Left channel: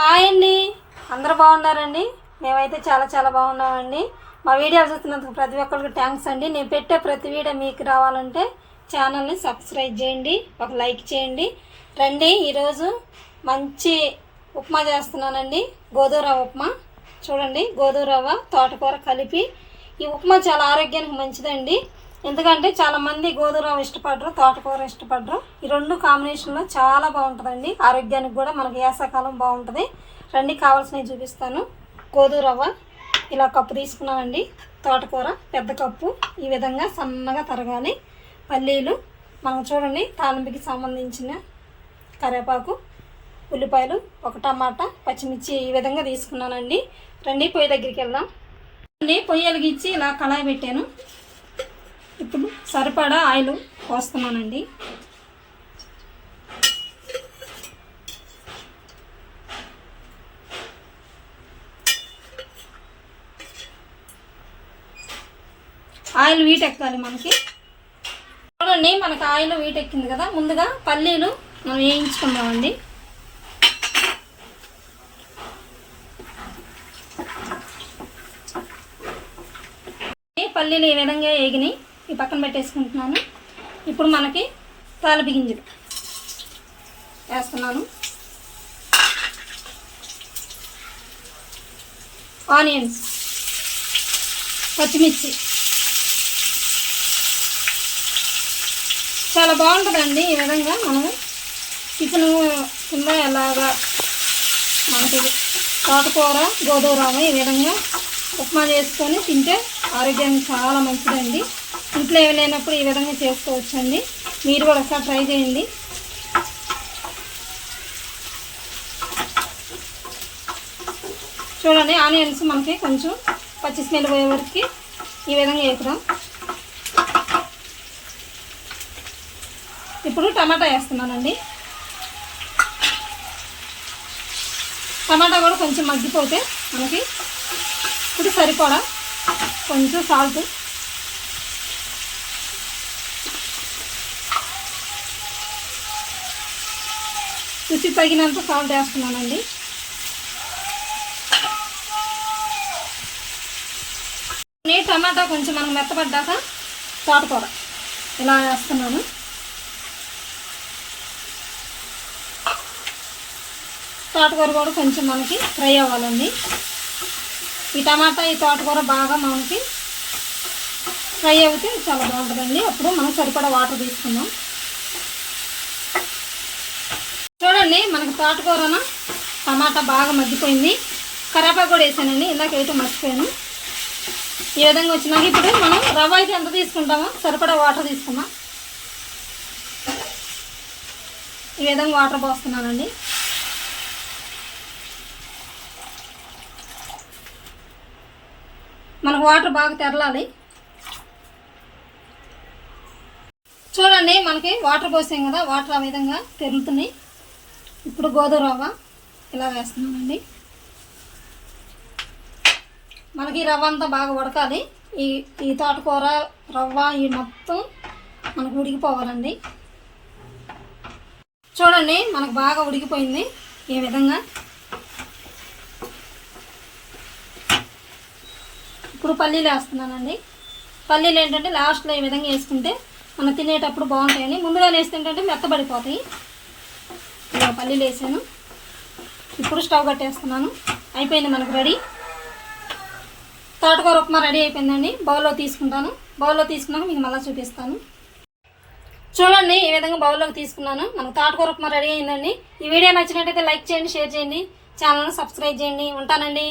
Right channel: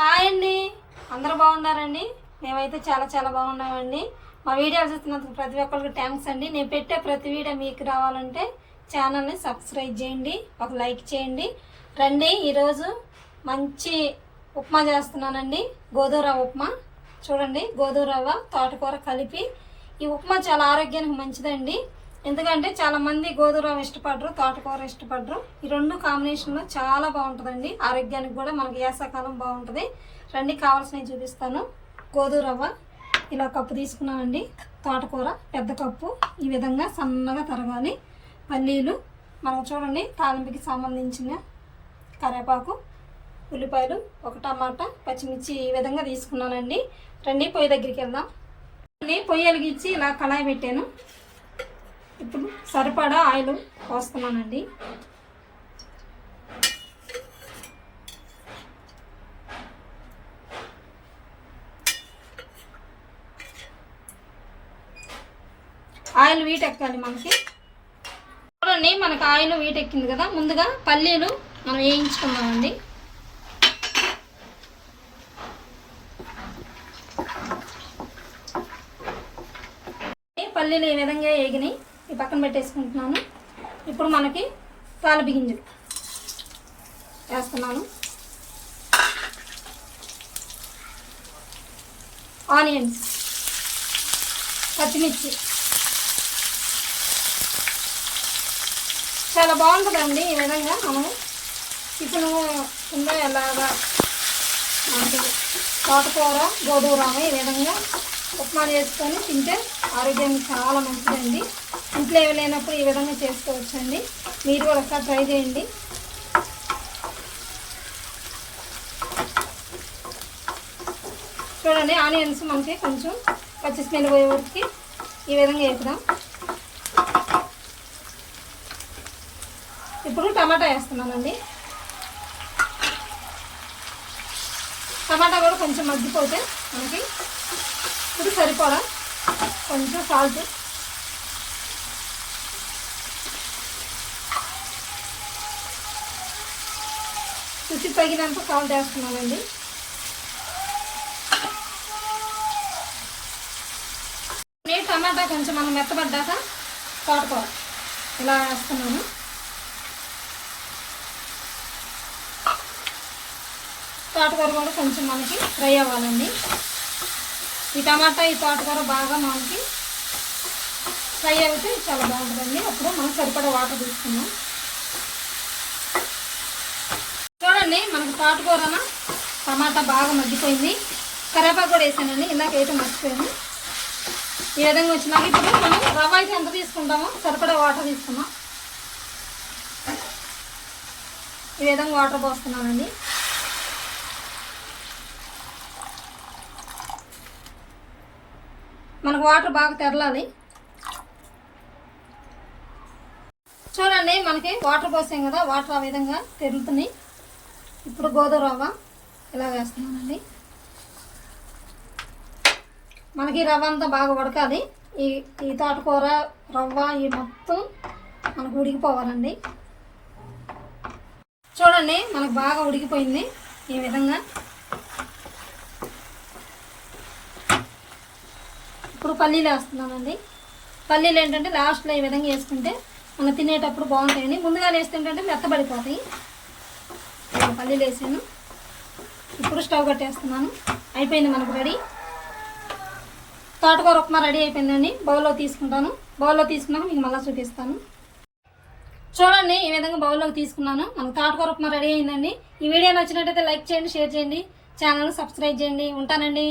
Hi అండి. అందరూ బాగున్నారండి? మేమైతే చాలా చాలా బాగున్నామండి. మా వీడియోలు చూస్తున్నందుకు ప్రతి ఒక్కరికి థ్యాంక్స్ అండి. నేను పెట్టే ప్రతి వీడియో మీకు రావాలంటే ఛానల్ని సబ్స్క్రైబ్ చేయండి ఒక లైక్ చేయండి. రండి ఈరోజు మంచి ఉప్మా చేస్తున్నానండి. గోధుమరవ రవ్వ ఉప్మా. చూడండి గోధుమరవ తోటకూర కలిపి. ఈ ఉప్మా చాలా ఆరోగ్యానికి మంచిదండి. ఎందుకంటే చాలా మంది గోధుమ ఇష్టపడరు తోటకూర ఇష్టపడరు. ఈ రెండు కాంబినేషన్లో చాలా బాగుంటుందండి. ఆరోగ్యానికి కూడా మనకి వేసవకాలం బాగుంటుంది. రండి కావాల్సినవి చూపిస్తాను. గోధుమ రవ్వ ఇలా కప్పు తీసుకున్నామండి తోటకూర పెద్ద కప్పు. ఈ విధంగా సన్నగా తరగాలి. పల్లీలు మనం చూడండి తాలింపుకి సంబంధించిన కరివేపాకు ఉల్లిపాయలు ఒక టమాటా పచ్చిమిర్చి ఈ విధంగా తీసుకున్నానండి. రండి పొయ్యి దగ్గరికి వెళ్దాం. అండి పొయ్యి వెలిగించి ఇలా కళాయి పెట్టాను. ఇప్పుడు సరిపడా ఆయిల్ పోస్తున్నానండి. ఆయిల్ వీటెక్కాలి మనకి. చూడండి మనకి ఆయిల్ వీటెక్కింది కదా. ముందుగా పల్లీలు మనం వేయించుకుందామండి. పల్లీలు ఈ విధంగా వేగినాయి? ఈ పక్కన పెట్టేసుకుంటున్నాను. ఇప్పుడు మనకి తాలిబి గింజలు వేస్తున్నాను. ఆనియన్స్ పచ్చిమిర్చి. చాలా బాగుంటుందండి ఈ విధంగా మనం చికెన్ కింద ఎలాగా మనకి తోటకూర గోధుమ ఈ విధంగా ఉప్మా చేసుకొని తింటే ఆరోగ్యానికి చాలా మంచిదండి. ఇంట్లో ఏమి లేనప్పుడు ఈ విధంగా చేసుకోవచ్చండి. మీరు కూడా ఒకసారి ట్రై చేయండి. చూడండి ఆనియన్స్ మనకి కొంచెం పచ్చి స్మెల్ పోయే వరకు ఈ విధంగా వేపుదాం. ఇప్పుడు టమాటా వేస్తున్నానండి. టమాటా కూడా కొంచెం మగ్గిపోతే మనకి ఇప్పుడు సరిపడా కొంచెం సాల్ట్. రుచి తగినంత సాల్ట్ వేస్తున్నానండి. నేను టమాటా కొంచెం మనం మెత్తపడ్డాక తోటకూర ఇలా వేస్తున్నాను. తోటకూర కూడా కొంచెం మనకి ఫ్రై అవ్వాలండి. ఈ టమాటా ఈ తోటకూర బాగా మనకి ఫ్రై అవుతే చాలా బాగుంటుందండి. అప్పుడు మనం సరిపడా వాటర్ తీసుకుందాం. చూడండి మనకి తోటకూరన టమాటా బాగా మగ్గిపోయింది. కరేపాకు కూడా వేసానండి ఇందాక వేయటం మర్చిపోయాను. ఈ విధంగా వచ్చినాక ఇప్పుడు మనం రవ్వ అయితే ఎంత తీసుకుంటామో సరిపడా వాటర్ తీసుకున్నాం ఈ విధంగా వాటర్ పోస్తున్నానండి. మనకు వాటర్ బాగా తెరలాలి. చూడండి మనకి వాటర్ పోసాం కదా వాటర్ ఆ విధంగా తెరుతున్నాయి. ఇప్పుడు గోధుమ రవ్వ ఇలా వేస్తున్నామండి. మనకి రవ్వ అంతా బాగా ఉడకాలి. ఈ ఈ తోటకూర రవ్వ ఈ మొత్తం మనకు ఉడికిపోవాలండి. చూడండి మనకు బాగా ఉడికిపోయింది ఈ విధంగా. ఇప్పుడు పల్లీలు వేస్తున్నానండి. పల్లీలు ఏంటంటే లాస్ట్లో ఈ విధంగా వేసుకుంటే మనం తినేటప్పుడు బాగుంటాయని. ముందుగా వేస్తుంటే మెత్తబడిపోతాయి. పల్లీలు వేసాను. ఇప్పుడు స్టవ్ కట్టేస్తున్నాను. అయిపోయింది మనకు రెడీ. తోటకూర ఉప్మా రెడీ అయిపోయిందండి. బౌల్లో తీసుకుంటాను. బౌల్లో తీసుకున్నాక మీకు మళ్ళీ చూపిస్తాను. చూడండి ఈ విధంగా బౌల్లోకి తీసుకున్నాను. మనకు తోటకూర ఉప్మా రెడీ అయిందండి. ఈ వీడియో నచ్చినట్టయితే లైక్ చేయండి షేర్ చేయండి. ఛానల్ని సబ్స్క్రైబ్ చేయండి. ఉంటానండి.